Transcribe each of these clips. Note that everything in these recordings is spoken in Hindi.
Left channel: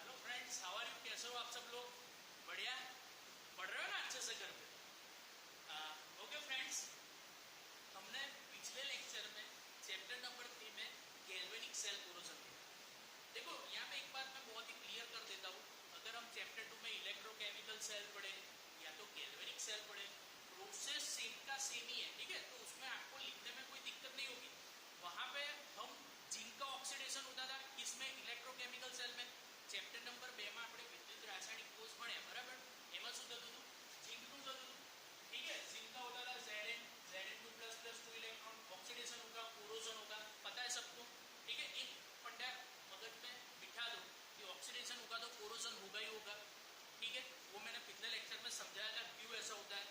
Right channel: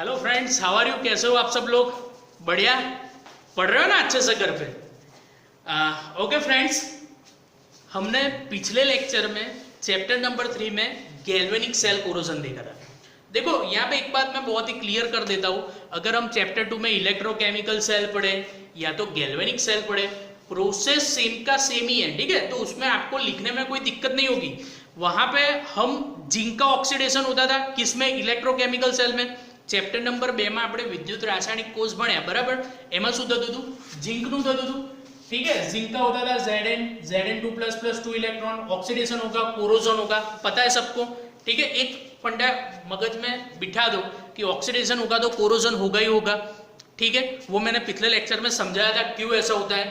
Hello friends, how are you? कैसे हो आप सब लोग? बढ़िया पढ़ रहे हो ना अच्छे से घर पे? ओके फ्रेंड्स, हमने पिछले लेक्चर में चैप्टर नंबर 3 में गैल्वेनिक सेल कोरोजन देखा था। देखो यहाँ पे एक बात मैं बहुत ही क्लियर कर देता हूँ, अगर हम चैप्टर 2 में इलेक्ट्रोकेमिकल सेल पढ़े या तो गैल्वेनिक सेल पढ़े, प्रोसेस सेम का सेम ही है, ठीक है? तो उसमें आपको लिखने में कोई दिक्कत नहीं होगी। वहां पे हम जिंक का ऑक्सीडेशन होता था किसमें? इलेक्ट्रोकेमिकल सेल में। चैप्टर नंबर 2 में આપણે વિદ્યુત રાસાયણિક કોષ ભણ્યા, બરાબર? એમાં શું થતું હતું? जिंकનું થતું હતું, ठीक है? जिंक का होता था Zn2++2 इलेक्ट्रॉन, ऑक्सीडेशन होगा, कोरोजन होगा, पता है सबको, ठीक है? एक फंडा मगज में बिठा दो कि ऑक्सीडेशन होगा तो कोरोजन होगा ही होगा, ठीक है? वो मैंने पिछले लेक्चर में समझाया था क्यों ऐसा होता है।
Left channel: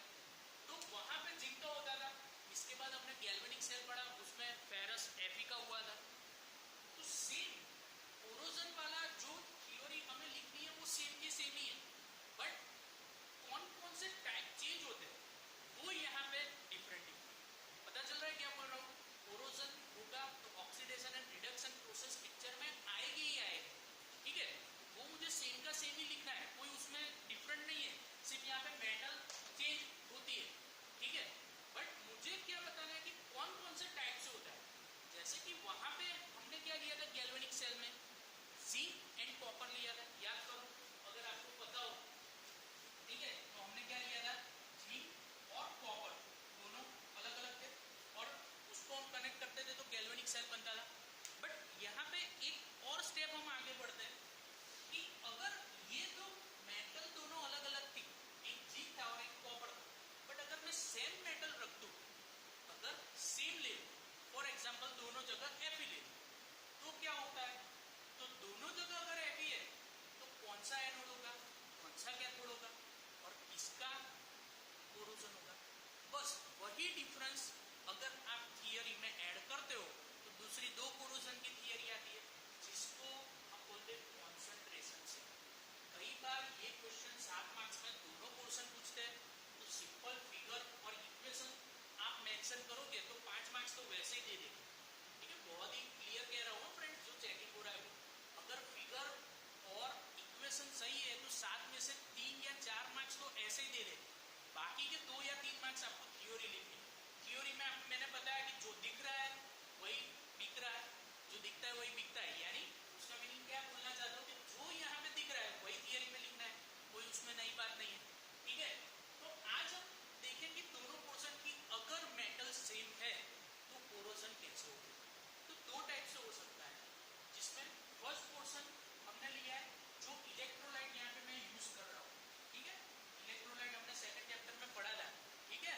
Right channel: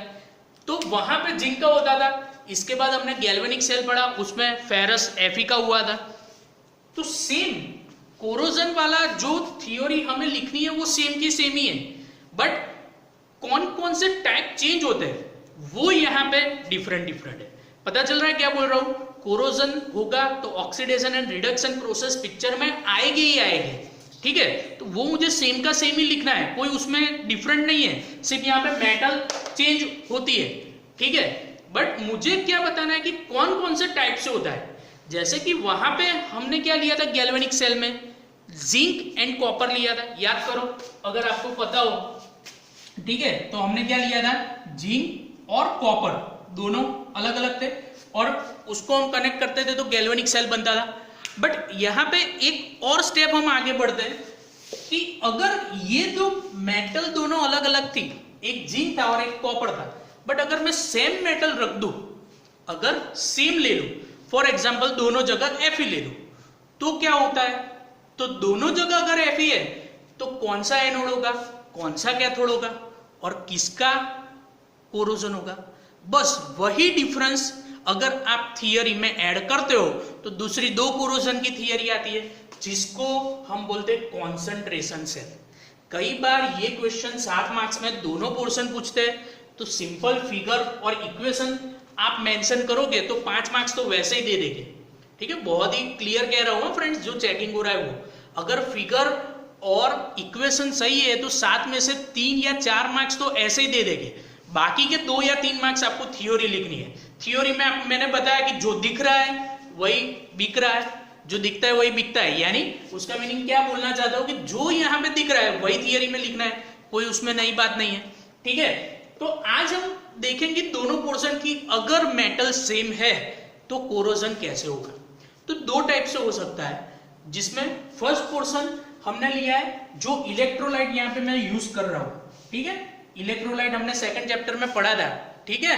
तो वहां पे जिंक का होता था। इसके बाद हमने गैल्वेनिक सेल पढ़ा, उसमें फेरस Fe का हुआ था। तो सेम कोरोजन वाला जो थियोरी हमें लिखनी है वो सेम की सेम ही है, बट कौन कौन से टाइप चेंज होते हैं वो यहाँ पे डिफरेंट है। पता चल रहा है क्या बोल रहा हूँ? कोरोजन होगा तो oxidation and reduction process picture में आएगी ही आएगी, ठीक है? तो वो मुझे सेम का सेम ही लिखना है, कोई उसमें डिफरेंट नहीं है, सिर्फ यहाँ पे मेटल चेंज होती है, ठीक है? बट मुझे क्या बताना है कि कौन कौन से टाइप से होता है। जैसे कि वहां पे हमने क्या लिया था गैल्वेनिक सेल में? जिंक एंड कॉपर लिया था, याद करो अगर आपको पता हो, ठीक है? तो हमने क्या लिया था? जिंक और कॉपर दोनों अलग अलग थे और उसको हम कनेक्ट करते थे तो गैल्वेनिक सेल बनता था। बट यहाँ पे एक और स्टेप हम आगे बढ़ते हैं कि अगर ये दो मेटल दोनों अलग अलग थी, एक जिंक था और एक कॉपर था, बट अगर मैं सेम मेटल रख दूं, अगर सेम ले लूं, फॉर एग्जाम्पल दोनों जगह Fe ले लूं, तो क्या होता है? तो दोनों जगह अगर Fe है तो कौन सा एनोड होगा, कौन सा कैथोड होगा और किसका कोरोजन होगा? बस वही डिफरेंस अगर आप थियरी में ऐड करते हो तो दूसरी दो कोरोजन की थियरी आती है जिसको हम बोलते हैं कॉन्सेंट्रेशन सेल। कई बार ये क्वेश्चन 7 मार्क्स में दोनों पोर्शन पूछते हैं, तो सिंपल फिगर और इक्वेशन आप मेंशन करोगे तो 5 मार्क्स तो वैसे ही दे देंगे, ठीक है? बहुत ही क्लियर कह रहा हूँ फ्रेंड्स, जो चेकिंग हो रहा है वो, अगर फिगर और इक्वेशन सही है तो 7 में से 3 या 4 मार्क्स तो ऐसे ही दे देंगे, बाकी के 2 या 3 मार्क्स आपको थियोरी लिखनी है। थियोरी में मैंने बताया कि जो दिख रहा है वही बिक रहा है, जो दिखता है वही बिकता है, यानी उसका मीनिंग क्या बोलना चाहता हूँ कि जो यहाँ पे दिख रहा है वही थियोरी में लिखना है, कोई उसमें नई बात नहीं है, ठीक है? तो आज हम देखेंगे दोनों पोर्शन की अगर मेटल सेम है तो कोरोजन कैसे होगा। तो दो टाइप से हो सकता है, जिसमें फर्स्ट पोर्शन हमने लिया है जो इलेक्ट्रोलाइट यहाँ पे मैं यूज कर रहा हूँ, ठीक है? इलेक्ट्रोलाइट हमने सेकंड चैप्टर में पढ़ा था, ठीक है?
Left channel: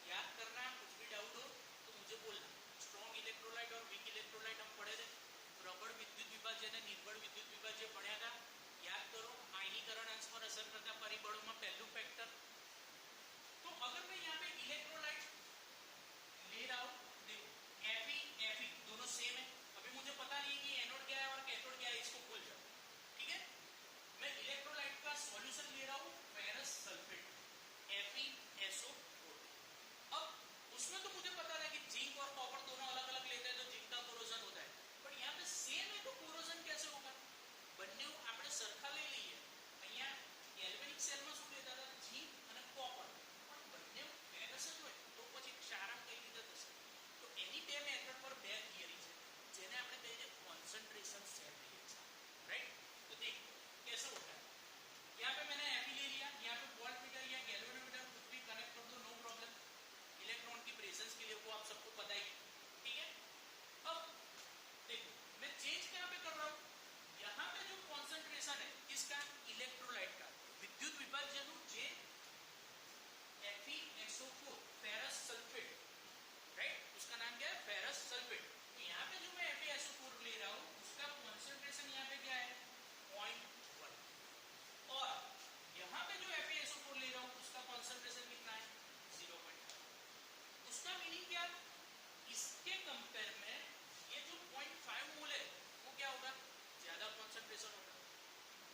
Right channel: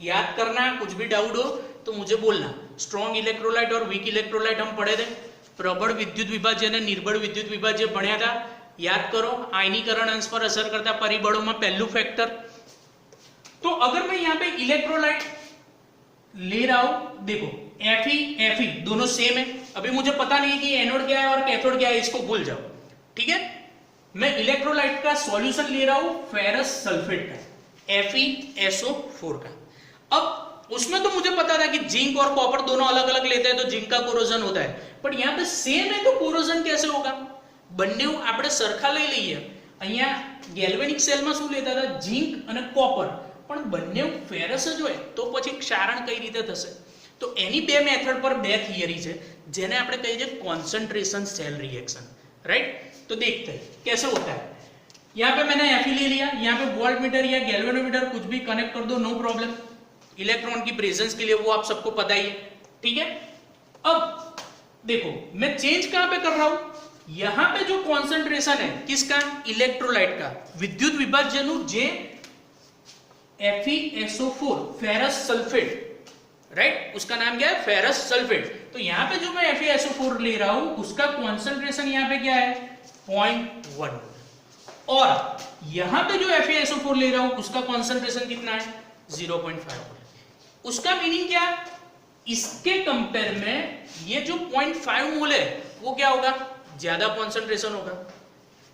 याद करना, कुछ भी डाउट हो तो मुझे बोलना। स्ट्रॉन्ग इलेक्ट्रोलाइट और वीक इलेक्ट्रोलाइट हम पढ़े थे, प्रबल विद्युत विभाज्य ने निर्बल विद्युत विभाज्य भण्या था, याद करो। आयनीकरण अंश पर असर करता परिबळों में पहलू फैक्टर। तो अगर मैं यहाँ पे इलेक्ट्रोलाइट ले रहा हूं, देखो Fe दोनों सेम है, अभी मुझे पता नहीं कि एनोड क्या है और कैथोड क्या है, इसको भूल जाओ, ठीक है? मैं इलेक्ट्रोलाइट का सॉल्यूशन ले रहा हूं फेरस सल्फेट का, FeSO4 का। अब उसमें तो मुझे पता था कि जिंक और कॉपर दोनों अलग अलग लेते हैं तो जिंक का कोरोजन होता है, बट यहाँ पे सेम है तो कोरोजन कैसे होगा? બંને આપણે સરખા લઈ લઈએ। અહીંયા ગેલ્વેનિક સેલમાં શું લેતા હતા? जिंक અને કોપર, પણ બંને ફેરસ જ હોય તો પછી ક્ષારણ કઈ રીતે થશે? તો એની બે મેથડ પર બે થિયરી છે જેને આપણે કહીએ છીએ કોન્સન્ટ્રેશન सेल रिएक्शन, राइट? तो देखते हैं कैसे होता है। यहाँ पे मैंने Fe ले लिया, यहाँ पे वोल्टमीटर या गैल्वेनोमीटर कुछ भी कनेक्ट कर दो, नो प्रॉब्लम। इलेक्ट्रॉन की प्रेजेंस के लिए वो आप सबको पता ही है, ठीक है? अब देखो मैं चेंज कहाँ पे कर रहा हूँ? यहाँ पे जो कॉन्सेंट्रेशन है किसका? इलेक्ट्रोलाइट का, विद्युत विभाज्यनु जे FeSO4 फेरस सल्फेट, राइट? उसका नाम क्या है? Ferrous sulphate. तो यहाँ पे जो मैं FeSO4 ले रहा हूं उसका कॉन्सेंट्रेशन यहाँ पे क्या है? 0.1, और यहाँ पे जो FeSO4 ले रहा हूं उसका कॉन्सेंट्रेशन कितना है? 0.5। उसका मीनिंग क्या? इसके कंपेयर में ये जो 0.5 मोल है वो क्या होगा? ज्यादा कॉन्सेंट्रेशन होगा।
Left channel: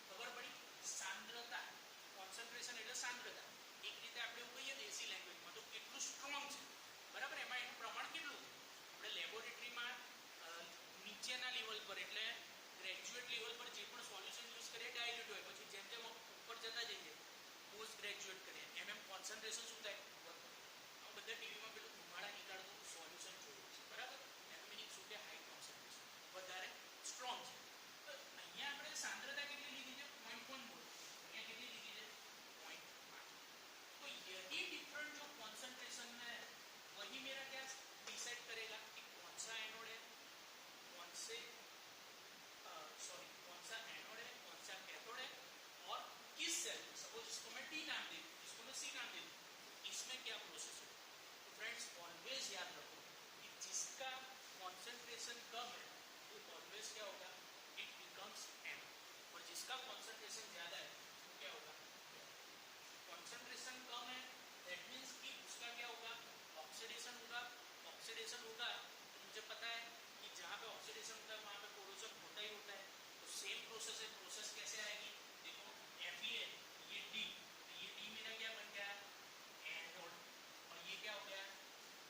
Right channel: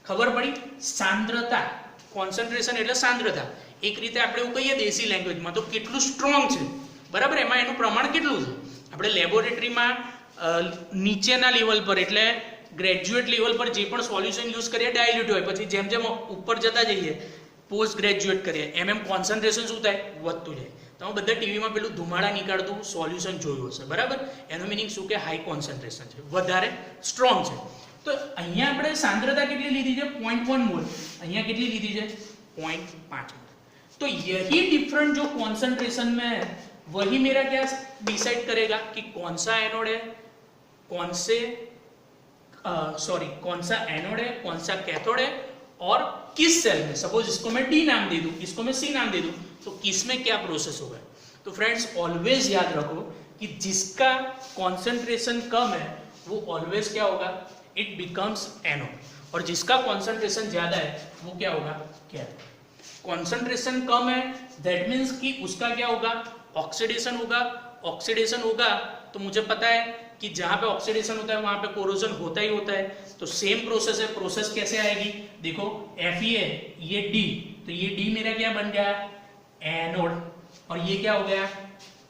खबर पड़ी? सांद्रता, कॉन्सेंट्रेशन એટલે सांद्रता। એક રીતે આપણે એવું કહીએ દેશી લેંગ્વેજમાં તો કેટલું સ્ટ્રોંગ છે, બરાબર? એમાં એનું પ્રમાણ કેટલું છે? આપણે લેબોરેટરીમાં નીચેના લેવલ પર એટલે ગ્રેજ્યુએટ લેવલ પર જે પણ સોલ્યુશન યુઝ કરીએ ડાયલ્યુટ હોય, પછી જેમ જેમ ઉપર જતા જઈએ પોસ્ટ ગ્રેજ્યુએટ કરીએ એમ કોન્સન્ટ્રેશન શું થાય, વધતું જાય. તમે બધા ટીવીમાં પેલું ધુમાડા નીકળતું સોલ્યુશન જોયું હશે, બરાબર? એનો મિનિંગ શું કે હાઈ કોન્સન્ટ્રેશન છે, વધારે સ્ટ્રોંગ છે. તો અહીંયા આપણે સાંદ્રતા કેટલી લીધી છે, 0.1 મોલ. અહીંયા કેટલી લીધી છે, 0.5. तो यही डिफरेंट जो कॉन्सेंट्रेशन में है वही मेरा क्या डिसाइड करेगा कि कौन सा एनोड है, कौन सा एनोड है, कौन सा कैथोड है और किस सेल में. सपोज इसको मैं डी नाम दे दूं, इसको मैं सी नाम दे दूं, तो किस में क्या प्रोसेस होगा. तो फ्रेंड्स ऑलवेज याद रखो कि जिसका कॉन्सेंट्रेशन कम है वो ऑलवेज क्या होगा, इट बिकम्स एनोड, और जिसका कॉन्सेंट्रेशन ज्यादा है वो क्या होगा, कैथोड. कॉन्सेंट्रेशन कम है दैट मीन्स कि उसका क्या होगा, ऑक्सीडेशन होगा. ऑक्सीडेशन होगा तो मुझे पता है कि जहां पे ऑक्सीडेशन होता है वहां पे कोरोजन होता ही होता है. तो सेम प्रोसेस है. प्रोसेस कैसे आएगी, देखो Fe है, ये D, तो ये D मेरा क्या बन गया, एनोड, और ये क्या हो गया,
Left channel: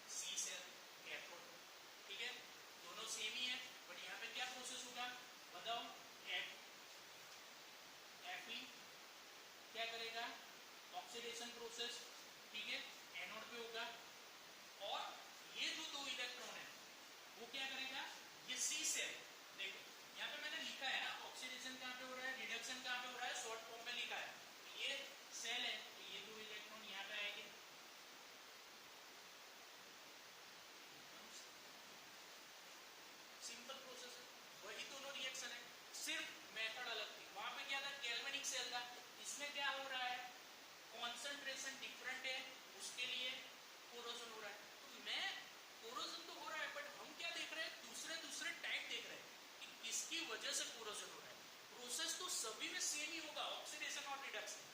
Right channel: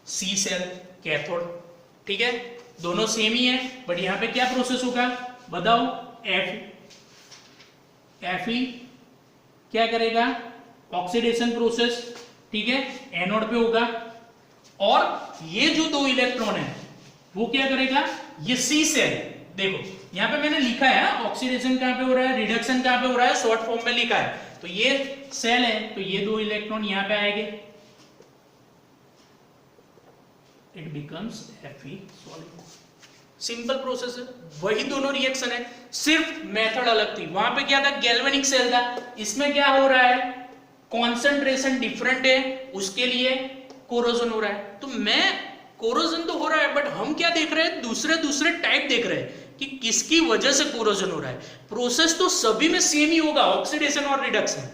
C सेल, कैथोड. ठीक है, दोनों सेम ही है, बट यहाँ पे क्या प्रोसेस होगा बताओ. Fe क्या करेगा, ऑक्सीडेशन प्रोसेस. ठीक है, एनोड पे होगा, और ये जो दो इलेक्ट्रॉन है वो क्या करेगा, ये सी सेल. देखो यहाँ पे मैंने लिखा है ऑक्सीडेशन कहाँ पे हो रहा है, रिडक्शन कहाँ पे हो रहा है, शॉर्ट फॉर्म में लिखा है. तो ये सेल है, तो ये दो इलेक्ट्रॉन यहाँ पे आएंगे, it becomes Fe solid. Simple process है, वही दोनों रिएक्शन है, सिर्फ मेथड अलग थी. वहां पे क्या था, गैल्वेनिक सेल था. इसमें क्या हो रहा है, कॉन्सेंट्रेशन डिफरेंट है, उसके लिए कोरोजन हो रहा है. तो मैं कोरोजन तो हो रहा है, बट हम क्या देख रहे हैं, दूसरे टाइप देख रहे हैं कि किसकी वजह से कोरोजन हो रहा है. प्रोसेस तो सभी में सेम ही होगा, ऑक्सीडेशन और रिडक्शन.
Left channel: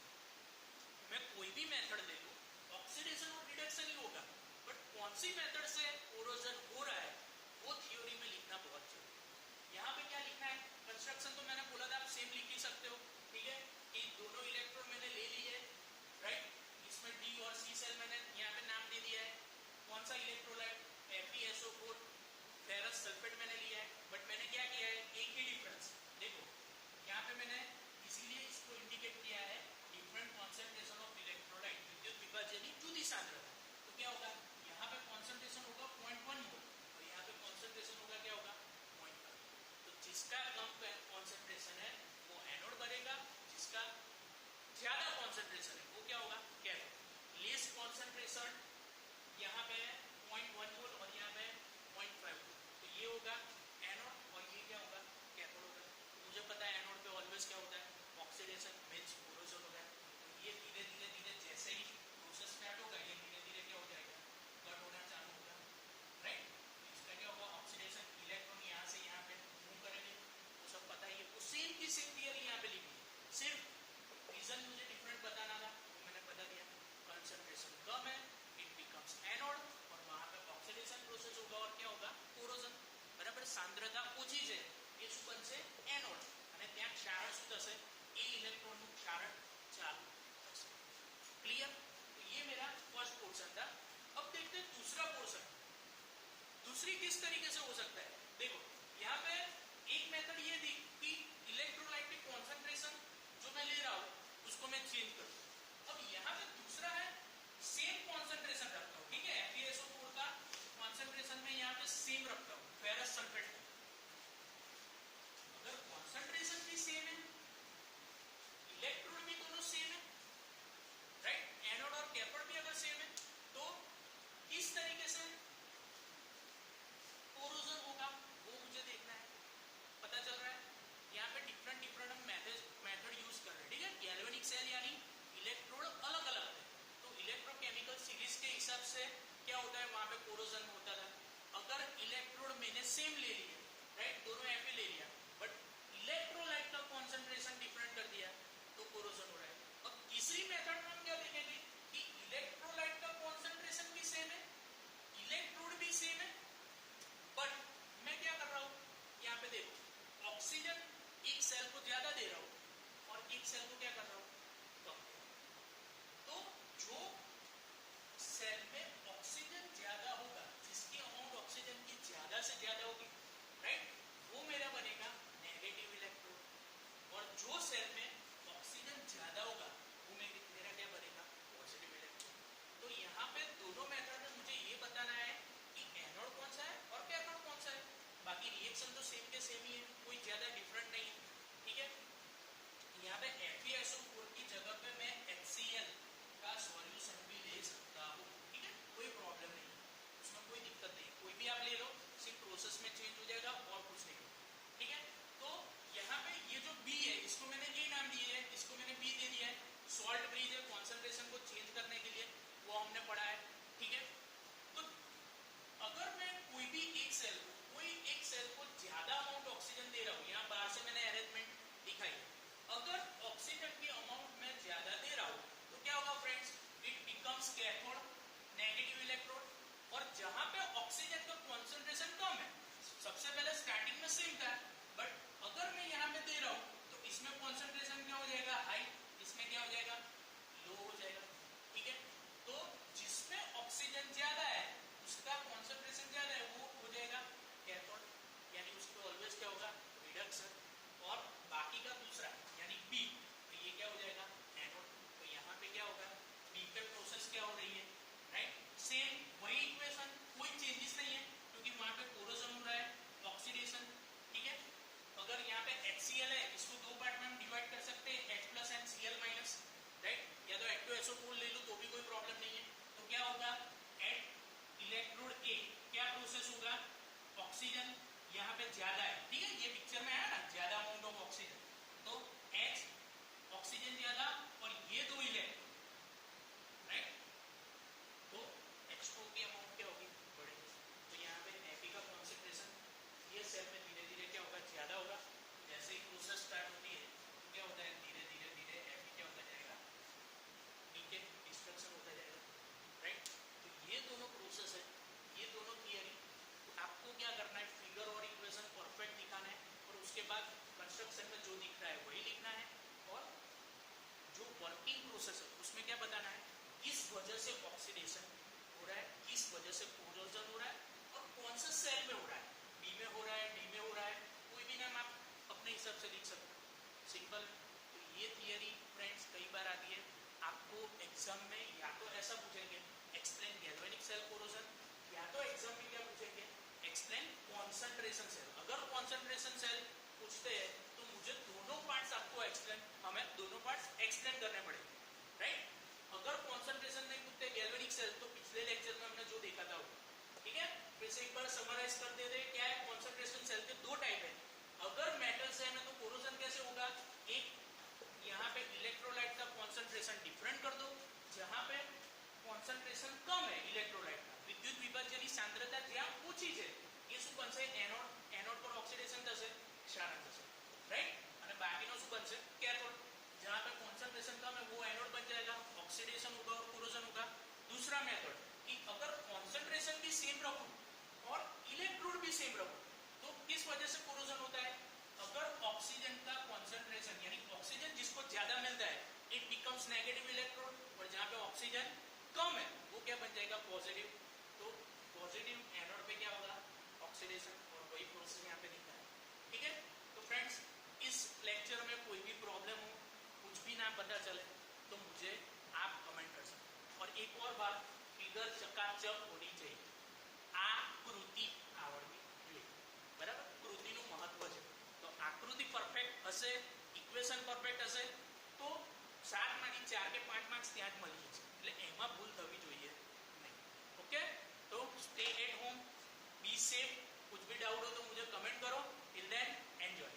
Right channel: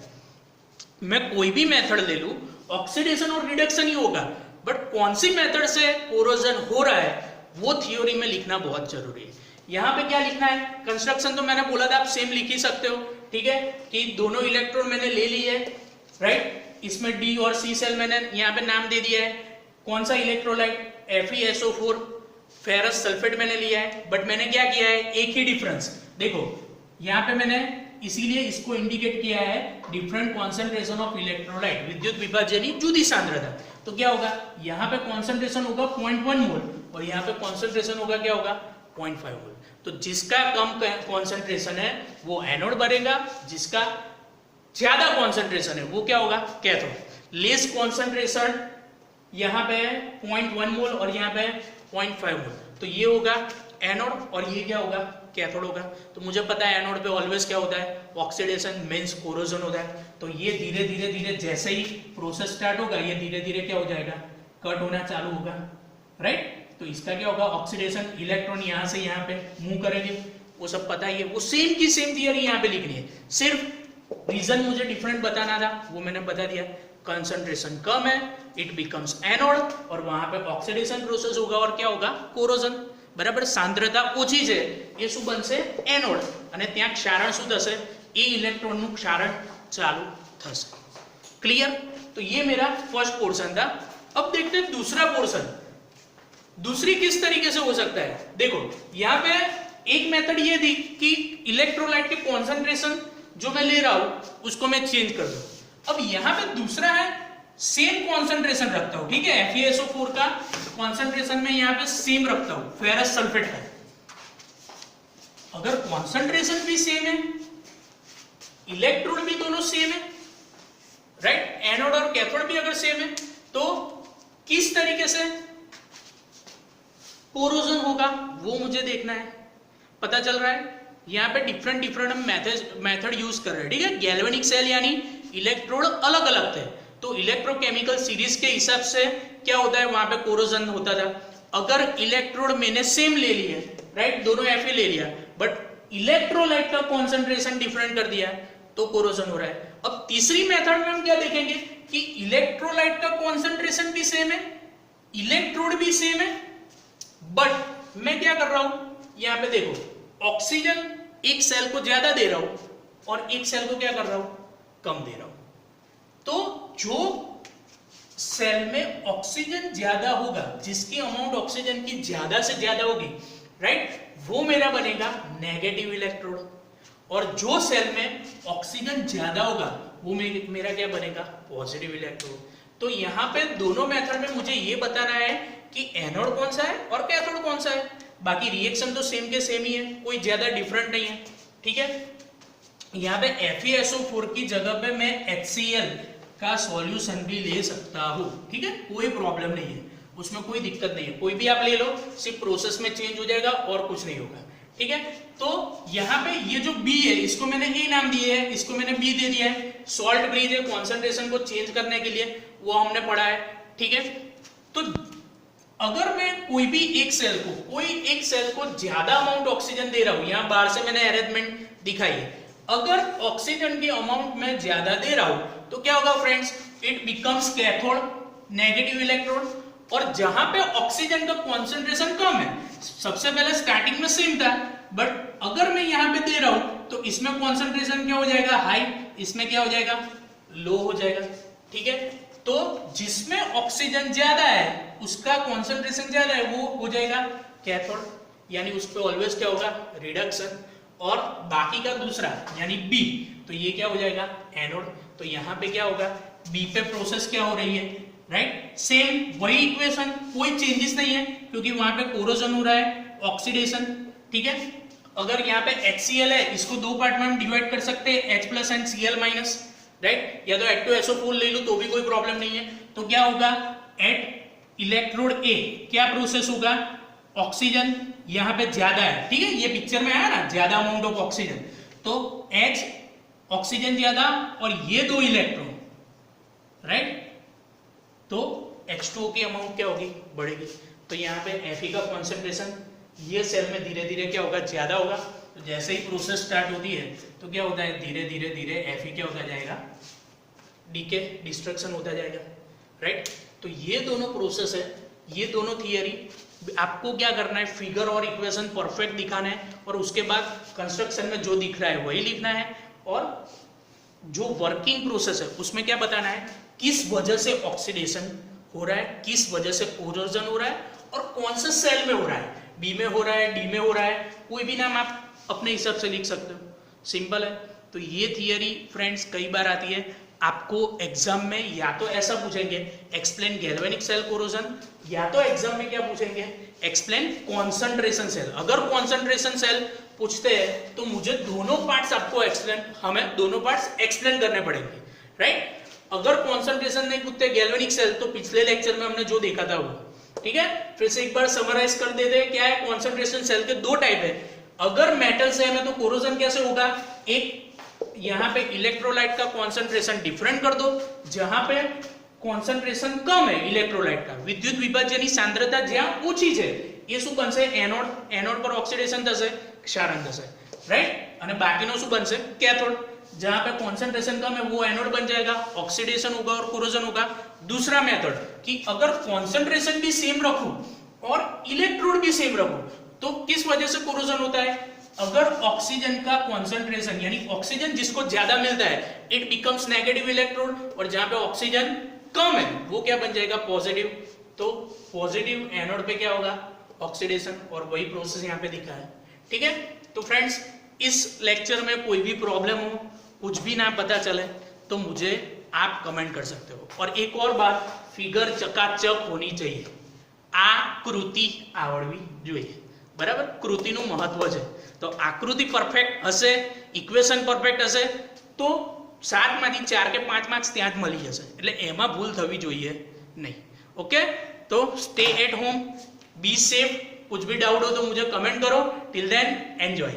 मैं कोई भी मेथड ले लूं ऑक्सीडेशन और रिडक्शन ही होगा, बट कौन सी मेथड से कोरोजन हो रहा है वो थ्योरी में लिखना बहुत जरूरी है. यहाँ पे क्या लिखना है, कंस्ट्रक्शन तो मैंने बोला था आप सेम लिख ही सकते हो. ठीक है, कि दोनों इलेक्ट्रॉन मैंने ले ली है, राइट. इसमें डी और सी सेल मैंने यहाँ पे नाम दे दिया है. कौन सा इलेक्ट्रोलाइट, FeSO4, फेरस सल्फेट मैंने लिया है, बट मैंने क्या किया है, एक ही डिफरेंस. देखो यहाँ पे मैंने इसीलिए इसको इंडिकेट किया है, डिफरेंट कॉन्सेंट्रेशन ऑफ इलेक्ट्रोलाइट, विद्युत विभाजनी जुदी सांद्रता. तो क्या होगा, यहाँ पे कॉन्सेंट्रेशन होगा 0.1 मोल, और यहाँ पे कॉन्सेंट्रेशन होगा क्या होगा, 0.5 मोल. तो जिसका कम कॉन्सेंट्रेशन है वो एनोड बनेगा, जिसका ज्यादा कॉन्सेंट्रेशन है वो क्या होगा, कैथोड. लेस कॉन्सेंट्रेशन यहाँ पे 0.1 मोल और यहाँ पे 0.5 मोल, तो ये होगा एनोड, और ये क्या होगा, कैथोड होगा. तो मुझे पता है एनोड पे ऑलवेज क्या होता है, ऑक्सीडेशन मींस कोरोजन होता है. तो ये धीरे धीरे जैसे ही प्रोसेस स्टार्ट होगा ये धीरे धीरे क्या हो जाएगा, कट होना चालू होगा, राइट. तो इसका क्या होगा, ऑक्सीडेशन, इलेक्ट्रॉन यहाँ से यहाँ पे मूव करेंगे, वो सब पता ही है. वो सेम की सेम थियरी यहाँ पे लिखनी है, सिर्फ रीजन मुझे डिफरेंट बताना था, वो मैंने बता दिया. कंसंट्रेशन कम है, इट बिकम्स एनोड, और वहां पे ऑक्सीडेशन प्रोसेस होगा और क्या होगा, कोरोजन. बराबर, सांद्रता ઓછી છે એ શું બનશે, એનોડ, અને ત્યાં ક્ષારણ શું થશે, એ ઇલેક્ટ્રોનનું ક્ષારણ ચાલુ થશે. ક્લિયર. तो ये मेरा फर्स्ट पोर्शन था. अब देखते हैं दूसरा पोर्शन. दूसरी किस तरीके से हो सकता है, देखो यहाँ पे एक मेथड ये थी कि इलेक्ट्रोलाइट के कॉन्सेंट्रेशन जो मैं ले रहा हूं उसको मैं चेंज कर दूं. अब यहाँ पे दूसरा है, सेम कॉन्सेंट्रेशन रखता हूं. ठीक है, FeSO4 का कॉन्सेंट्रेशन में यहाँ पे सेम रखता हूं, फेरस सल्फेट का. अगर कॉन्सेंट्रेशन भी सेम है, इलेक्ट्रोड भी दोनों सेम है, राइट, एनोड और कैथोड भी अगर सेम है, तो किस तरीके से कोरोजन होगा वो मुझे देखना है. पता चल रहा है यहाँ पे डिफरेंट हम मेथड यूज कर रहे हैं. ठीक है, गैल्वेनिक सेल यानी इलेक्ट्रोड अलग अलग थे, तो इलेक्ट्रोकेमिकल सीरीज के हिसाब से क्या होता है, वहां पे कोरोजन होता था. अगर इलेक्ट्रोड मैंने सेम ले लिया, राइट, दोनों Fe ले लिया, बट इलेक्ट्रोलाइट का कॉन्सेंट्रेशन डिफरेंट कर दिया तो कोरोजन हो रहा है. अब तीसरी मेथड में हम क्या देखेंगे कि इलेक्ट्रोलाइट का कॉन्सेंट्रेशन भी सेम है, इलेक्ट्रोड भी सेम है, बट मैं क्या कर रहा हूं, यहाँ पे देखो ऑक्सीजन एक सेल को ज्यादा दे रहा हूं और एक सेल को क्या कर रहा हूं, कम दे रहा हूं. तो जो सेल में ऑक्सीजन ज्यादा होगा, जिसकी अमाउंट ऑक्सीजन की ज्यादा से ज्यादा होगी, राइट, वो मेरा बनेगा नेगेटिव इलेक्ट्रोड, और जो सेल में ऑक्सीजन ज्यादा होगा वो मेरा क्या बनेगा, पॉजिटिव इलेक्ट्रोड। तो यहाँ पे दोनों मेथड में मुझे ये बताना है कि एनोड कौन सा है और कैथोड कौन सा है। बाकी रिएक्शन तो सेम के सेम ही है, कोई ज्यादा डिफरेंट नहीं है, ठीक है। यहाँ पे FeSO4 की जगह पे मैं HCl का सॉल्यूशन भी ले सकता हूँ, ठीक है, कोई प्रॉब्लम नहीं है, उसमें कोई दिक्कत नहीं है, कोई भी आप ले लो, सिर्फ प्रोसेस में चेंज हो जाएगा और कुछ नहीं होगा, ठीक है। तो यहाँ पे ये जो B है इसको मैंने A नाम दिया है, इसको मैंने B दे दिया है। सॉल्ट ब्रिज है कॉन्सेंट्रेशन को चेंज करने के लिए, वो हमने पढ़ा है, ठीक है। तो अगर मैं कोई एक सेल को ज्यादा अमाउंट ऑक्सीजन दे रहा हूं, यहां बाहर से मैंने अरेंजमेंट दिखाई है, अगर ऑक्सीजन की अमाउंट में ज्यादा दे रहा हूं तो क्या होगा friends, it becomes cathode, negative electrode. और जहां पे ऑक्सीजन का कॉन्सेंट्रेशन कम है, सबसे पहले स्टार्टिंग में सेम था, बट अगर मैं यहां पे दे रहा हूं तो इसमें कॉन्सेंट्रेशन क्या हो जाएगा, हाई, इसमें क्या हो जाएगा, लो हो जाएगा, ठीक है। तो जिसमें ऑक्सीजन ज्यादा है उसका कॉन्सेंट्रेशन ज्यादा है, वो हो जाएगा कैथोड, यानी उस पे ऑलवेज क्या होगा, रिडक्शन। और बाकी का दूसरा यानी बी, तो ये क्या हो जाएगा, एनोड। तो यहाँ पे क्या होगा, बी पे प्रोसेस क्या हो रही है, राइट, सेम वही इक्वेशन, कोई चेंजेस नहीं है, क्योंकि वहां पे कोरोजन हो रहा है, ऑक्सीडेशन, ठीक है। अगर यहाँ पे HCl है, इसको दो पार्ट में हम डिवाइड कर सकते हैं, H+ एंड Cl-, राइट, या तो H2SO4 ले लो तो भी कोई प्रॉब्लम नहीं है। तो क्या होगा, एट इलेक्ट्रोड A क्या प्रोसेस होगा, ऑक्सीजन यहाँ पे ज्यादा है, ठीक है, ये पिक्चर में आया ना, ज्यादा अमाउंट ऑफ ऑक्सीजन, तो H ऑक्सीजन ज्यादा और ये दो इलेक्ट्रॉन, राइट, तो H2O की अमाउंट क्या होगी, बढ़ेगी। तो यहाँ पे Fe का कॉन्सेंट्रेशन ये सेल में धीरे धीरे क्या होगा, ज्यादा होगा। तो जैसे ही प्रोसेस स्टार्ट होती है तो क्या होता है, धीरे धीरे धीरे Fe क्या होता जाएगा, डीके, डिस्ट्रक्शन होता जाएगा, राइट। तो ये दोनों प्रोसेस है, ये दोनों थियरी, आपको क्या करना है, फिगर और इक्वेशन परफेक्ट दिखाना है, और उसके बाद कंस्ट्रक्शन में जो दिख रहा है वही लिखना है, और जो वर्किंग प्रोसेस है उसमें क्या बताना है, किस वजह से ऑक्सीडेशन हो रहा है, किस वजह से कोरोजन हो रहा है, और कौन से सेल में हो रहा है, बी में हो रहा है, डी में हो रहा है, कोई भी नाम आप अपने हिसाब से लिख सकते हो, सिंपल है। तो ये थियरी फ्रेंड्स कई बार आती है आपको एग्जाम में, या तो ऐसा पूछेंगे एक्सप्लेन गैल्वेनिक सेल कोरोजन, या तो एग्जाम में क्या पूछेंगे, एक्सप्लेन कॉन्सेंट्रेशन सेल। अगर कॉन्सेंट्रेशन सेल पूछते हैं तो मुझे दोनों पार्ट्स आपको एक्सप्लेन, हमें दोनों पार्ट्स एक्सप्लेन करने पड़ेंगे, राइट। अगर कॉन्सेंट्रेशन नहीं पूछते गैल्वेनिक सेल, तो पिछले लेक्चर में हमने जो देखा था वो, ठीक है, फिर से एक बार समराइज कर देते हैं, क्या है, कॉन्सेंट्रेशन सेल के दो टाइप है। अगर मेटल सेल है तो कोरोजन कैसे होगा, एक यहाँ पे इलेक्ट्रोलाइट का कॉन्सेंट्रेशन डिफरेंट कर दो, जहां पे कॉन्सेंट्रेशन कम है इलेक्ट्रोलाइट का, विद्युत विभाजन सांद्रता જ્યાં ઊંચી છે એ શું બનશે, એનોડ પર ઓક્સિડેશન થશે, ક્ષારણ થશે, રાઈટ। અને બાકીનો શું બનશે, कैथोड, जहां पे कॉन्सेंट्रेशन कम है वो एनोड बन जाएगा, ऑक्सीडेशन होगा और कोरोजन होगा। दूसरा मेथड कि अगर कॉन्सेंट्रेशन भी सेम रखूं और इलेक्ट्रोड भी सेम रखूं तो किस वजह से कोरोजन होता है, अगर ऑक्सीजन का कॉन्सेंट्रेशन यानी ऑक्सीजन जिसको ज्यादा मिलता है इट बिकम्स नेगेटिव इलेक्ट्रोड, और जहां पे ऑक्सीजन कम है वो क्या बन जाएगा, पॉजिटिव। तो पॉजिटिव एनोड पे क्या होगा, ऑक्सीडेशन, और वही प्रोसेस यहाँ पे दिखा है, ठीक है। तो फ्रेंड्स इस लेक्चर में कोई भी प्रॉब्लम हो, कुछ भी ना पता चले तो मुझे आप कमेंट कर सकते हो। और एक और बात, फिगर चकाचक होनी चाहिए, आकृति आवड़वी જોઈએ, બરાબર, કૃતિનું મહત્વ છે। તો આકૃતિ પરફેક્ટ હશે, ઇક્વેશન પરફેક્ટ હશે તો 7 માંથી 4 કે 5 માર્ક્સ ત્યાં જ મળી જશે, એટલે એમાં ભૂલ થવી જોઈએ નહીં, ઓકે। तो stay at home, be safe, कुछ भी डाउट हो तो मुझे कमेंट करो। Till then enjoy.